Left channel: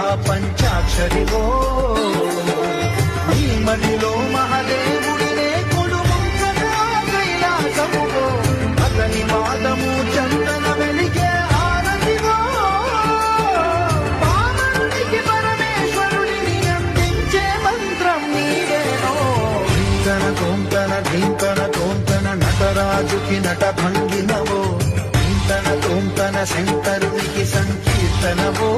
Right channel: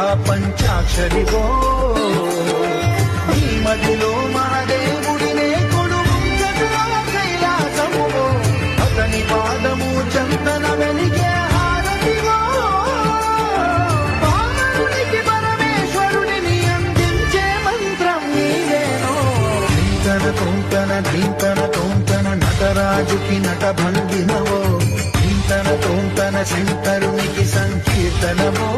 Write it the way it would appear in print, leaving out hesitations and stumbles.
ఆ పంచాక్షరివో నీ మడిలో మహాదేవుడినే కొడుముంచగా కైలాసములో అతని పాదము చందన వెలిగే హారతివో పావనునికి పరమేశ్వరుడిని అందించే మంత్రం నీవేనో ధీంతన తోంతన ధీంతన తోంతన నటరాజుకి నట భంగినవో ధీంతన తోంతన శంకరునికి సంకీర్తనవో